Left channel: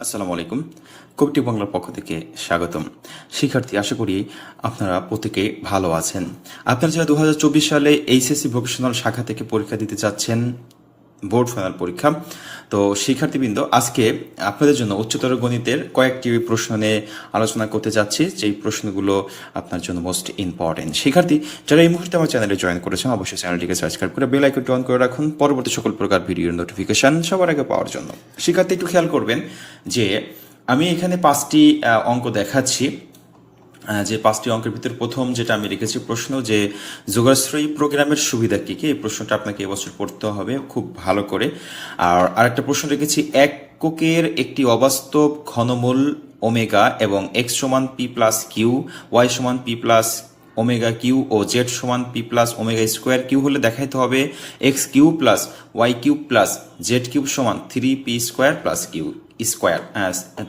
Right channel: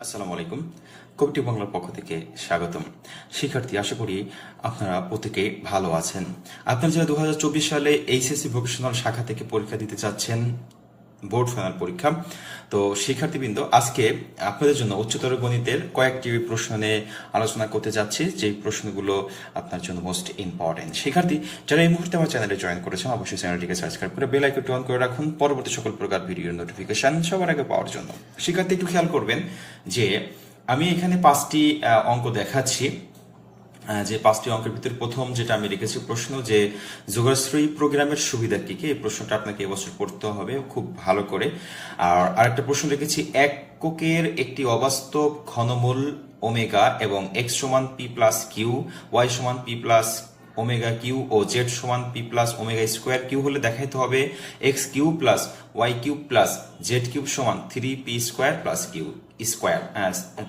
আসসালামু আলাইকুম। কবিটি বাংলার পক্ষ থেকে স্বাগতম। শিক্ষার্থী, আশা করি আপনারা প্রত্যেকে ভালো আছেন। আপনারা যারা দু হাজার চব্বিশ সালে এইচএসসি ভোকেশনাল শাখা থেকে পরীক্ষা দিতে চাচ্ছেন বোর্ড ফাইনাল পরীক্ষা। তো শিক্ষার্থীবৃন্দ, আজকে আপনাদের জন্য উচ্চতর গণিতের কয়েকটি প্রশ্ন আলোচনা করতে যাচ্ছি। যেই প্রশ্নগুলো আপনার জন্য মোস্ট ইম্পর্টেন্ট শিক্ষার্থী, যারা এই মুহূর্তে আমার চ্যানেলে জয়েন করেছেন, অবশ্যই চ্যানেলটিকে সাবস্ক্রাইব করে বেল আইকনটি অন করে রাখুন। পরবর্তী সকল প্রকার ভিডিওর নোটিফিকেশন সবার আগে পাওয়ার জন্য। শিক্ষার্থী, একটু খেয়াল করবেন যে আমি এখানে পাঁচটি অঙ্ক দেখাচ্ছি। যে পাঁচটি অঙ্কের ভিতরে প্রথম যেটা আমি রেখেছি প্রশ্ন যে যোগাশ্রী প্রোগ্রামের সুবিধা কি কি? এই প্রশ্নটা আপনাকে এবছর পড়তে হবে খুব ভালো করে। আর আরেকটা প্রশ্ন রেখেছি, এক এককের একটি অবাস্তব ঘনমূল ওমেগা এবং এক্স সমান পি প্লাস কিউ, ওয়াই সমান পি প্লাস ওমেগা কিউ ও জেড সমান p plus omega square q হলে দেখাইতে হবে x q plus y q plus z q সমান three p square plus q square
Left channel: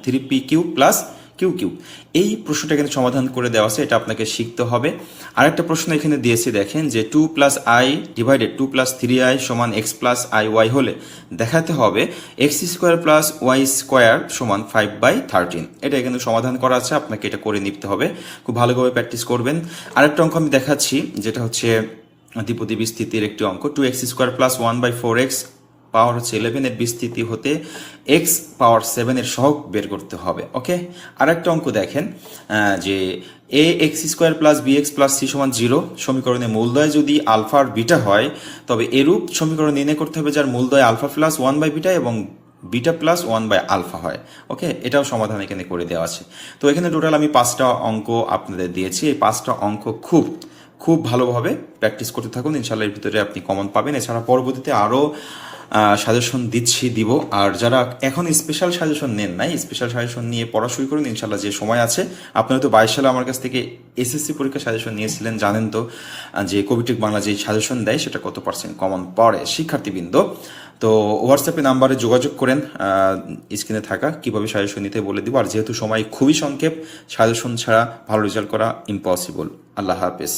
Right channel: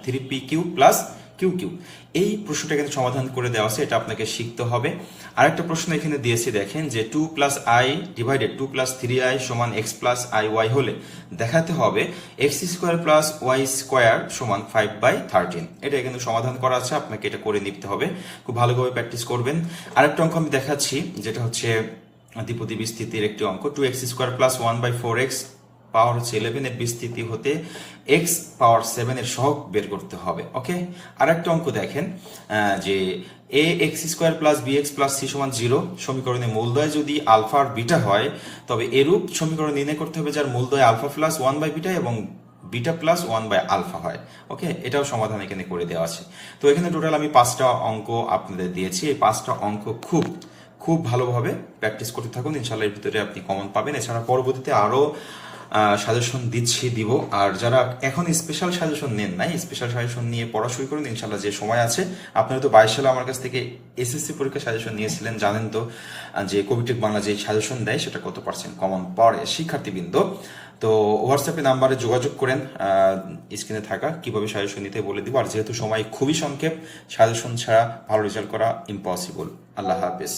three p q plus q q. এই প্রশ্নটা কিন্তু সমাধান করে দেওয়া আছে, এটা আপনাকে শিখতে হবে। আরেকটা প্রশ্ন এখানে দিয়েছে, দেখেন যে two plus i divided two plus three i সমান এক্স প্লাস আই ওয়াই হলে দেখাতে হবে x square plus y square সমান ফাইভ বাই থার্টিন এটা কিন্তু সমাধান করা আছে, আপনাকে এটা করে নিতে হবে। খুব ভালোভাবে প্র্যাকটিস করবেন। আরেকটা অঙ্ক আমি দেখাচ্ছি, যেটা হচ্ছে দ্বিপদী বিস্তৃতির একটি অঙ্ক। Two x square plus one by four x power হচ্ছে ইলেভেনের বিস্তৃতি হতে এক্স পাওয়ার সেভেনের সহগ বের করতে হবে ওকে আর একটা অঙ্ক দেখেন যে a x square plus b x plus c সমান জিরো সমীকরণে মূলদয় যদি আলফা আর বিটা হয়, তবে এরূপ সমীকরণ নির্ণয় করতে হবে যার মূলদয় alpha plus one by beta এবং beta plus one by alpha হয় ওকে এটাও সমাধান এখানে করে দেওয়া আছে। তো এখানে টোটাল আমি পাঁচটা অঙ্ক আপনাদের দিয়েছি, এই পাঁচটা অঙ্ক খুব খুব ভালোভাবে প্র্যাকটিস করতে থাকুন। ইনশাল্লাহ এর ভিতরে আপনি কমন পাবেন। এছাড়া পরবর্তীতে আরও সাজেশন দিচ্ছি, দিব। আর যারা এখন স্পেশাল সাজেশন নেন নাই স্পেশাল সাজেশন নিয়ে পড়া শুরু করুন ইনশাল্লাহ যে সময় আছে। আপনারা তো বাইশ সালে আমার কাছ থেকে এসএসসি পরীক্ষা সাজেশন নিয়েছিলেন, জানেন তো যে কোভিটিক বাংলা যে সাজেশন দেয়, সেটা কত পার্সেন্ট কমন পড়ে। শিক্ষার্থীবৃন্দ, তো হোয়াটসঅ্যাপে নাম্বারে যোগাযোগ করেন স্ক্রিনে থাকা, কীভাবে সাজেশন নিতে বলে দিব। আর যেহেতু সময় খুবই সংক্ষেপ, সাজেশন ছাড়া ভালো রেজাল্ট করা ইম্পসিবল আল্লাহ হাফেজ।